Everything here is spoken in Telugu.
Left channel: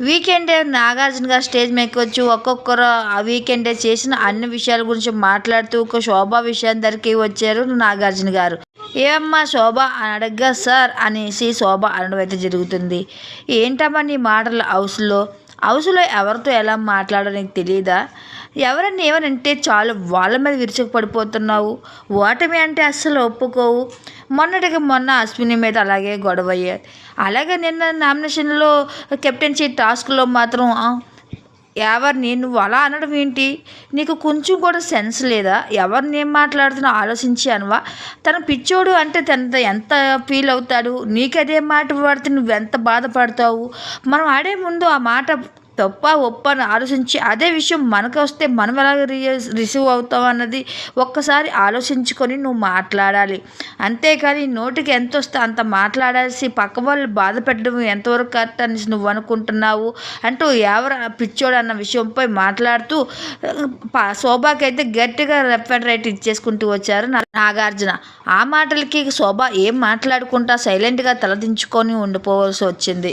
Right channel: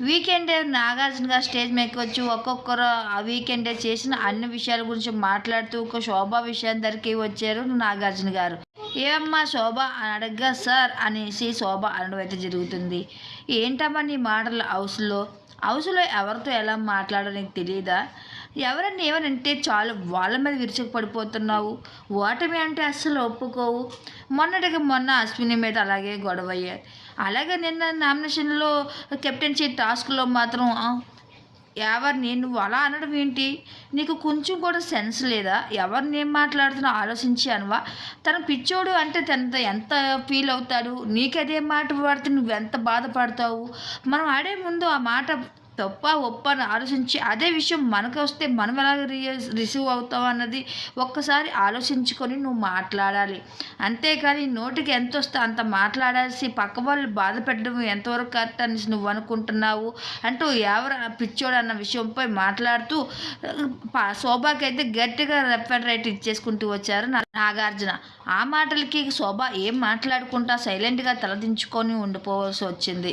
వీకెండ్ నాగార్జున గారు స్టేజ్ మీదకి వచ్చి ఒక్కొక్కరు ఆ వీకెండ్ చేసిన అన్ని విషయాల గురించి మాట్లాడుతూ ఒక శోభ విషయం దగ్గరికి వచ్చారు నాగార్జున గారు. ఏమమ్మా శోభ అని అడగ్గా సార్ అనేసి శోభ అనడం అయితే జరుగుతుంది. ఏంటమ్మా నీ మాటలు హౌస్లో? హౌస్లో ఎవరితో ఎలా మాట్లాడో నీకు తెలియదా ఎవరన్నా ఏమనంటే చాలు వాళ్ళ మీద విరుచుకుపడిపోతున్నావు. ఓటమి అంటే అస్సలు ఒప్పుకోవు. మొన్నటికి మొన్న అశ్విని మీద అలాగే గొడవ అయ్యారు అలాగే నిన్న నామినేషన్లో కెప్టెన్సీ టాస్క్లో మాత్రం ఎవరిని నువ్వు అలా అనడం ఏంటి? నీకు కొంచెం కూడా సెన్స్ లేదా? ఎవరిని ఏం మాట్లాడుతున్నా ఆలోచించి అనవా? తన పిచ్చోడు అంటే తన ఎంత ఫీల్ అవుతాడు? నీకు అదే మాట పడితే నువ్వు ఎంత బాధపడతావు? మనం ఆడే ముందు ఆ మాట తప్ప ఒప్ప అని ఆలోచించి అదే విషయం మనకు వస్తే మనం ఎలా రిసీవ్ అవుతాం అన్నది ఒక్కసారి ఆలోచించుకొని నువ్వు మాట్లాడాలి. అంతేకాని నోటికి ఎంత వస్తే అంత మాట్లాడాల్సి పక్క వాళ్ళు బాధ పెట్టడం ఎంతవరకు కరెక్ట్ అని నువ్వు అనుకుంటున్నావు? అంటూ ఎవరు పిచ్చోడు అన్న విషయంపై మాట్లాడుతూ శోభాకైతే గట్టిగా లెఫ్ట్ అండ్ రైట్ ఇచ్చేసుకుంటూ వచ్చారు నాగార్జున. ఆ మాటలకి శోభ ఏం మాట్లాడుకుంటా సైలెంట్గా తలదించుకొని ఉండిపోవాల్సి వచ్చింది.